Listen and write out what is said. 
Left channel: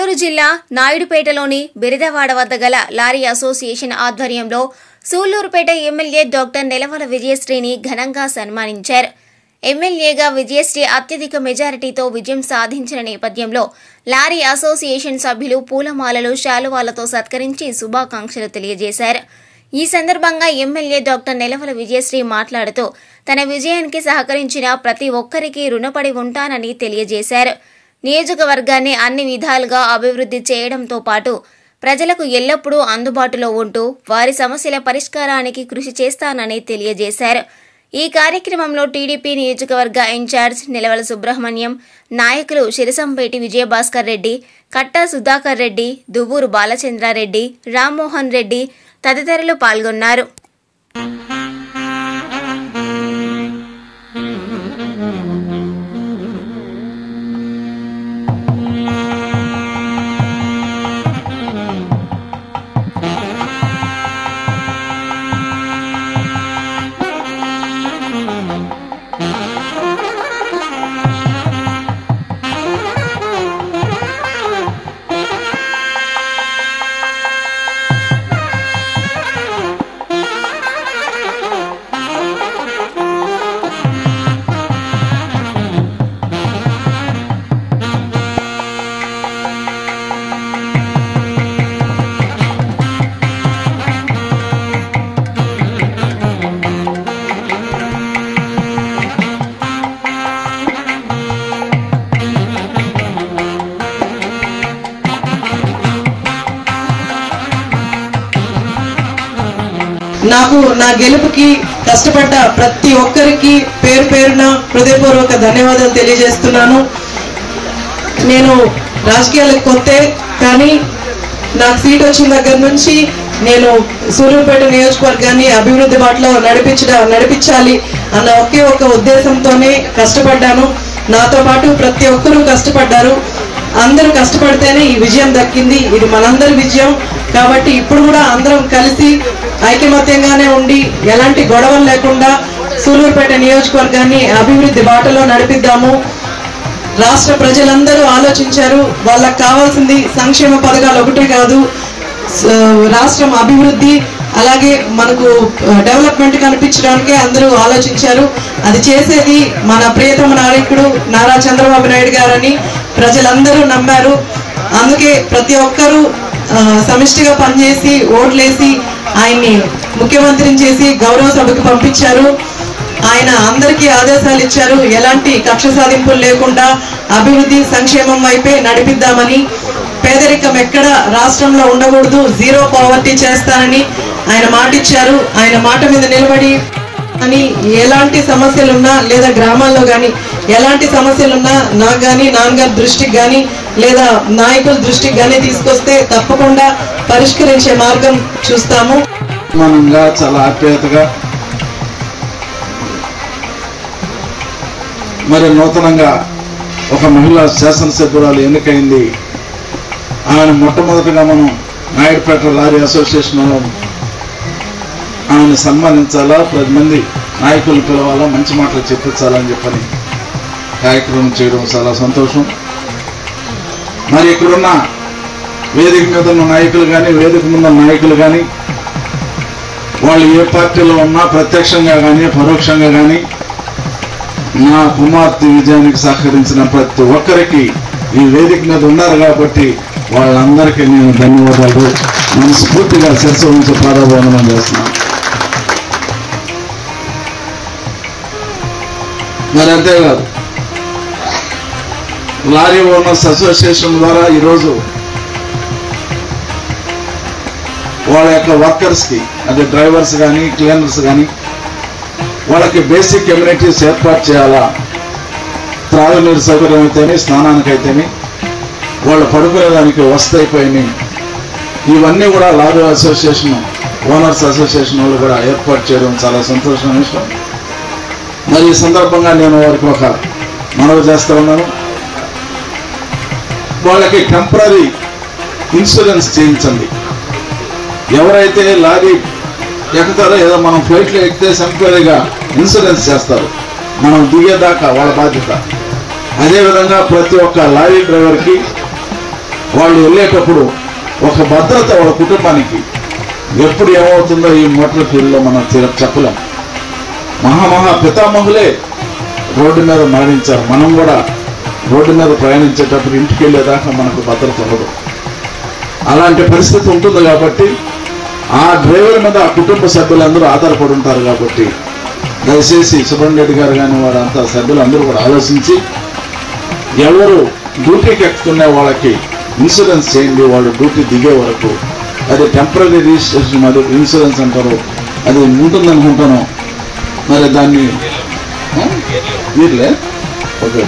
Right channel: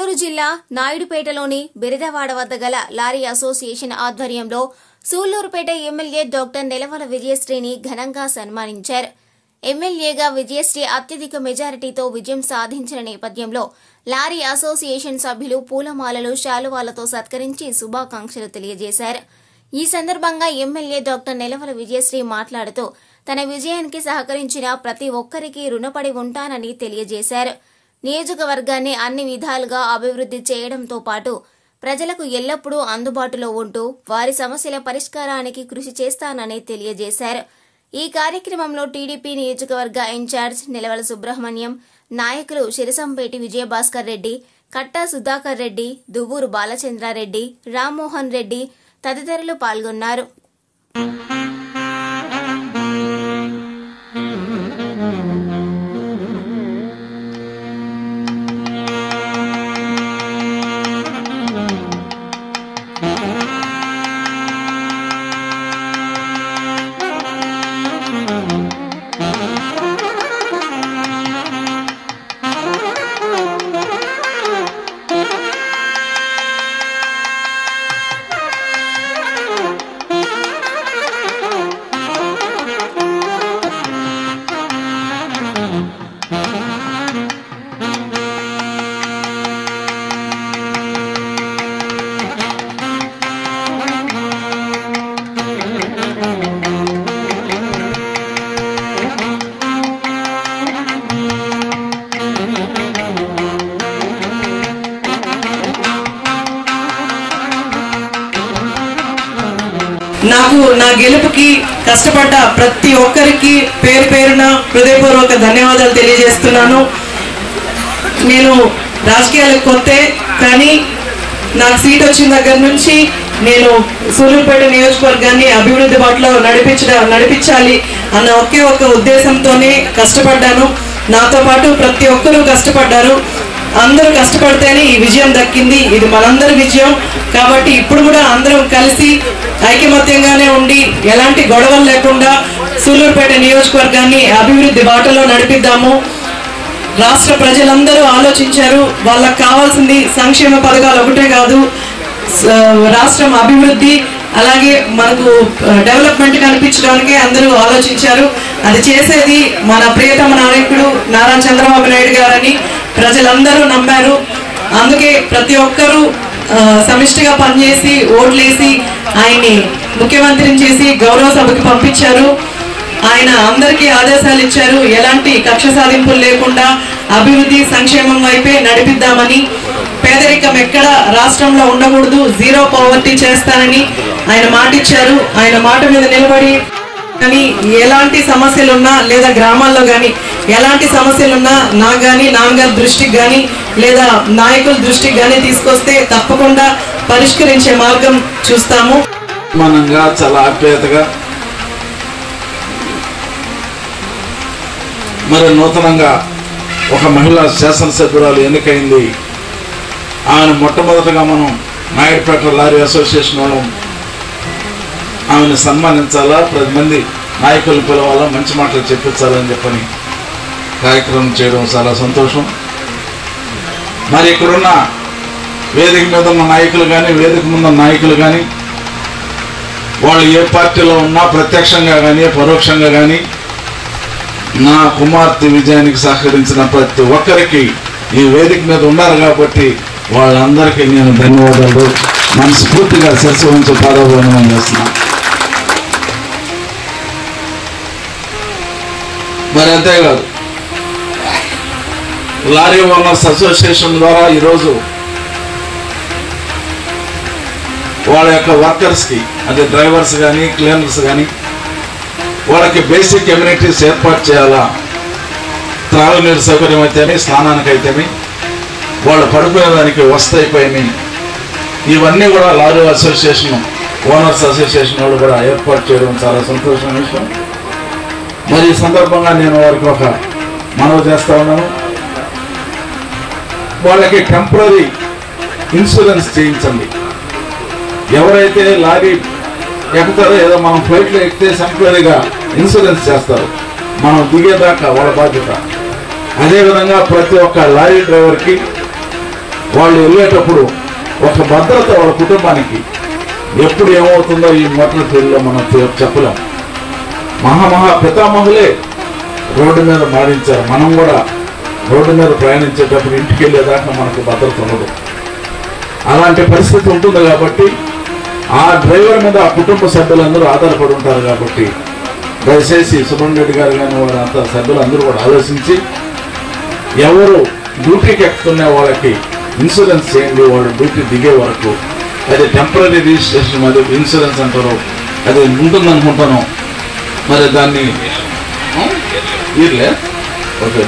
నెల్లూరు జిల్లా నాయుడుపేటలోని బిరిదవాడ వద్ద గల లారీ అసోసియేషన్ ఆధ్వర్యంలో సూళ్లూరుపేట ఎమ్మెల్యే డాక్టర్ నెలవల విజయశ్రీని ఘనంగా సన్మానించారు. ఎమ్మెల్యేగా విజయశ్రీ అత్యధిక మెజారిటీతో విజయం సాధించిన నేపథ్యంలో లారీ అసోసియేషన్ సభ్యులు పూలమాలలు, శాలువాలతో సత్కరించి శుభాకాంక్షలు తెలియజేశారు. ఈ సందర్భంగా ఎమ్మెల్యే డాక్టర్ నెలవల విజయశ్రీ మాట్లాడుతూ తన విజయానికి సహకరించిన ప్రతి ఒక్కరికి రుణపడి ఉంటానని తెలియజేశారు. నియోజకవర్గాన్ని అన్ని విధాలుగా అభివృద్ధి చేయడంతో పాటు ప్రజలకు ఎల్లప్పుడూ అందుబాటులో ఉంటూ వారి సమస్యల పరిష్కారానికి కృషి చేస్తానని తెలియజేశారు. ఈ కార్యక్రమంలో టీడీపీ నియోజకవర్గ ఇన్ఛార్జ్ నెలవల సుబ్రహ్మణ్యం, నాయకులు శిరసంపేటి విజయభాస్కర్ రెడ్డి, కట్టా సుధాకర్ రెడ్డి, దువ్వూరు బాలచంద్రారెడ్డి, రామ్మోహన్ రెడ్డి తదితరులు పాల్గొన్నారు. నాకు నా గెలుపుకి కష్టపడ్డ ప్రతి ఒక్కరికి పేరు పేరున హృదయపూర్వక ధన్యవాదాలు తెలియజేస్తున్నాను. నేను రాజకీయాలకు కొత్తే, కానీ నాకు సీట్ వచ్చిన దగ్గర నుంచి నేను సూళ్లూరుపేట నియోజకవర్గాన్ని అభివృద్ధి బాటలో నడిపించాలి అన్న ఒకే ఒక ఉద్దేశంతోనే కష్టపడ్డాను. నాతో పాటు ప్రతి ఒక్కరూ కష్టపడ్డారు. అందరూ కష్టపడితేనే ఈ విజయం దక్కింది. ఇది మనందరి విజయం. కాబట్టి ఇప్పుడు కూడా అందరం కలిసి ఐకమత్యంగానే ఉండి ఎలాంటి గొడవలు లేకుండా సూళ్లూరుపేట నియోజకవర్గాన్ని అభివృద్ధి బాటలో నడిపిద్దాము. రాష్ట్ర ప్రజలందరూ ఆలోచించారు. వాళ్ళకి కావాల్సింది సంక్షేమ పథకాలు ఒకటే కాదు, రాష్ట్రం అభివృద్ధి, అలాగే మనకు డెవలప్మెంట్ కనిపించడానికే అందరూ ఆలోచించారు. అది చేసేది మన ప్రియతమ నాయకుడు నారా చంద్రబాబు నాయుడు గారని ప్రజలందరూ నమ్మారు. అందుకే ప్రతి ఒక్కరూ సమిష్టిగా పనిచేసి ఓట్లేసి ఆయన్ని ముఖ్యమంత్రిని చేసి గౌరవ సభకు పంపించారు. ఆయన అందరికీ ఆదేశాలు ఇచ్చారు, ఎలాంటి కక్ష సాధింపులు లేకుండా అభివృద్ధి సంక్షేమం వైపే నడిపిద్దామని. పేదరికం ఎక్కడ రాష్ట్రంలో ఉండకూడదు, జీరో పావర్టీ చేస్తానని ఆయన మాట ఇచ్చారు. ఆయన మాట మీద నిలబడి కానీ ఎలాంటి సమస్యలున్నా లేదా గ్రామాల్లో కానీ ఎలాంటి సమస్యలున్నా నాకు కానీ నాన్నగారి దృష్టికి కానీ లేదా నాయకుల దృష్టికి కానీ తీసుకొస్తే తప్పకుండా పరిష్కరించే మార్గం చూస్తాము. మనంగా చాలా ఆప్యాయతగా మరి నూతనంగా ఒక మహిళా శాసనసభ్యురాలు ఎన్నికైంది. ఆమెను మొట్టమొదటిగా మనం నాయుడుపేట లారీ అసోసియేషన్ ఆమెను సన్మానించాలా, 10 మంది నాయకులు పిలవాలా, మంచి మాటలు చెప్పించాలని చెప్పని కార్యక్రమం చేయడం చాలా సంతోషం. మరి ఇక్కడున్న వేదిక మీద ఉన్న నాయకులు కానీ వేదిక ముందు నాయకులు కానీ వాళ్ళు ఏ పార్టీలో ఉన్నా ప్రత్యక్షంగా కానీ పరోక్షంగా కానీ నా కుమార్తె విజయానికి సహకరించిన ప్రతి ఒక్కరికి ఈ వేదిక మీద ఉన్నారు కాబట్టి వాళ్ళందరికీ నేను ధన్యవాదాలు మనస్ఫూర్తిగా శిరస్సు ఉంచి పాదాభివందనం చేస్తున్నాను. మరి అంతేకాదు, లారీ ఓనర్స్ అసోసియేషన్ ద్వారా ఈరోజు వాళ్ళ యొక్క వర్కర్స్కి, అంటే డ్రైవర్స్ కానీ క్లీనర్స్ కానీ వాళ్ళకి బేసిక్ కమ్యూనిటీస్ ఏర్పాటు చేయాలా. త్రాగునీరు సౌకర్యం అయితేనే, స్నానానికైతేనే, వాళ్ళు పడుకునే దానికి వస్తాయిపోయి ఇవన్నీ కూడా లారీ అసోసియేషన్ ఓనర్స్ అసోసియేషన్ వాళ్ళు కూడా ఏర్పాటు చేయడం చాలా సంతోషమైన విషయం. మరి ఈ సందర్భంగా నేను వారికి ఒక మనవి చేస్తా ఉన్నాను. వాళ్ళకి టెంపరీ ఇన్సూరెన్స్ చేయించండి. ఎవరైతే లారీ ఎక్కుతారో, ఏదో మనం ఫ్లైట్లో ఎక్కితే టెంపరీగా ఇన్సూరెన్స్ చేస్తారు, మనం దిగేదాకా వాళ్ళ బాధ్యత. అదేవిధంగా ప్రతి ఒక్క లారీ డ్రైవర్కి వాళ్ళు వెళ్ళేటప్పుడు ఒక భద్రత వాళ్ళ కుటుంబానికి ఎప్పుడు ఏమవుతుందో ఈ మొట్టల ఫీల్డ్లో మనం చెప్పలేం. మహా పితామహులే రోడ్డు మీద మాడించారు. మనం కూడా రోడ్డు మీద ప్రయాణించేటప్పుడు ఇంటికి వెళ్ళేదాకా మనకు భద్రత ఉండదు. అలాంటి పరిస్థితి ఉంటుంది కాబట్టి ఆ డ్రైవర్ మీద ఆ కుటుంబ సభ్యులందరూ ఆధారపడి ఉంటారు. కాబట్టి దయచేసి సుబ్రహ్మణ్య రెడ్డి గారు కానీ వారంతా సభ్యులందరూ కూడా ఆలోచించి ఎవరు డ్యూటీకి ఎక్కుతున్న వాళ్ళకి ఇన్సూరెన్స్ చేయండి. వాళ్ళు డ్యూటీ దిగే వరకు అది టెంపరీ రిజిస్ట్రేషన్ మరి ఇన్సూరెన్స్ అంటారు, అది ఉంటుందనుకుంటాను. మరి దాన్ని ఓకే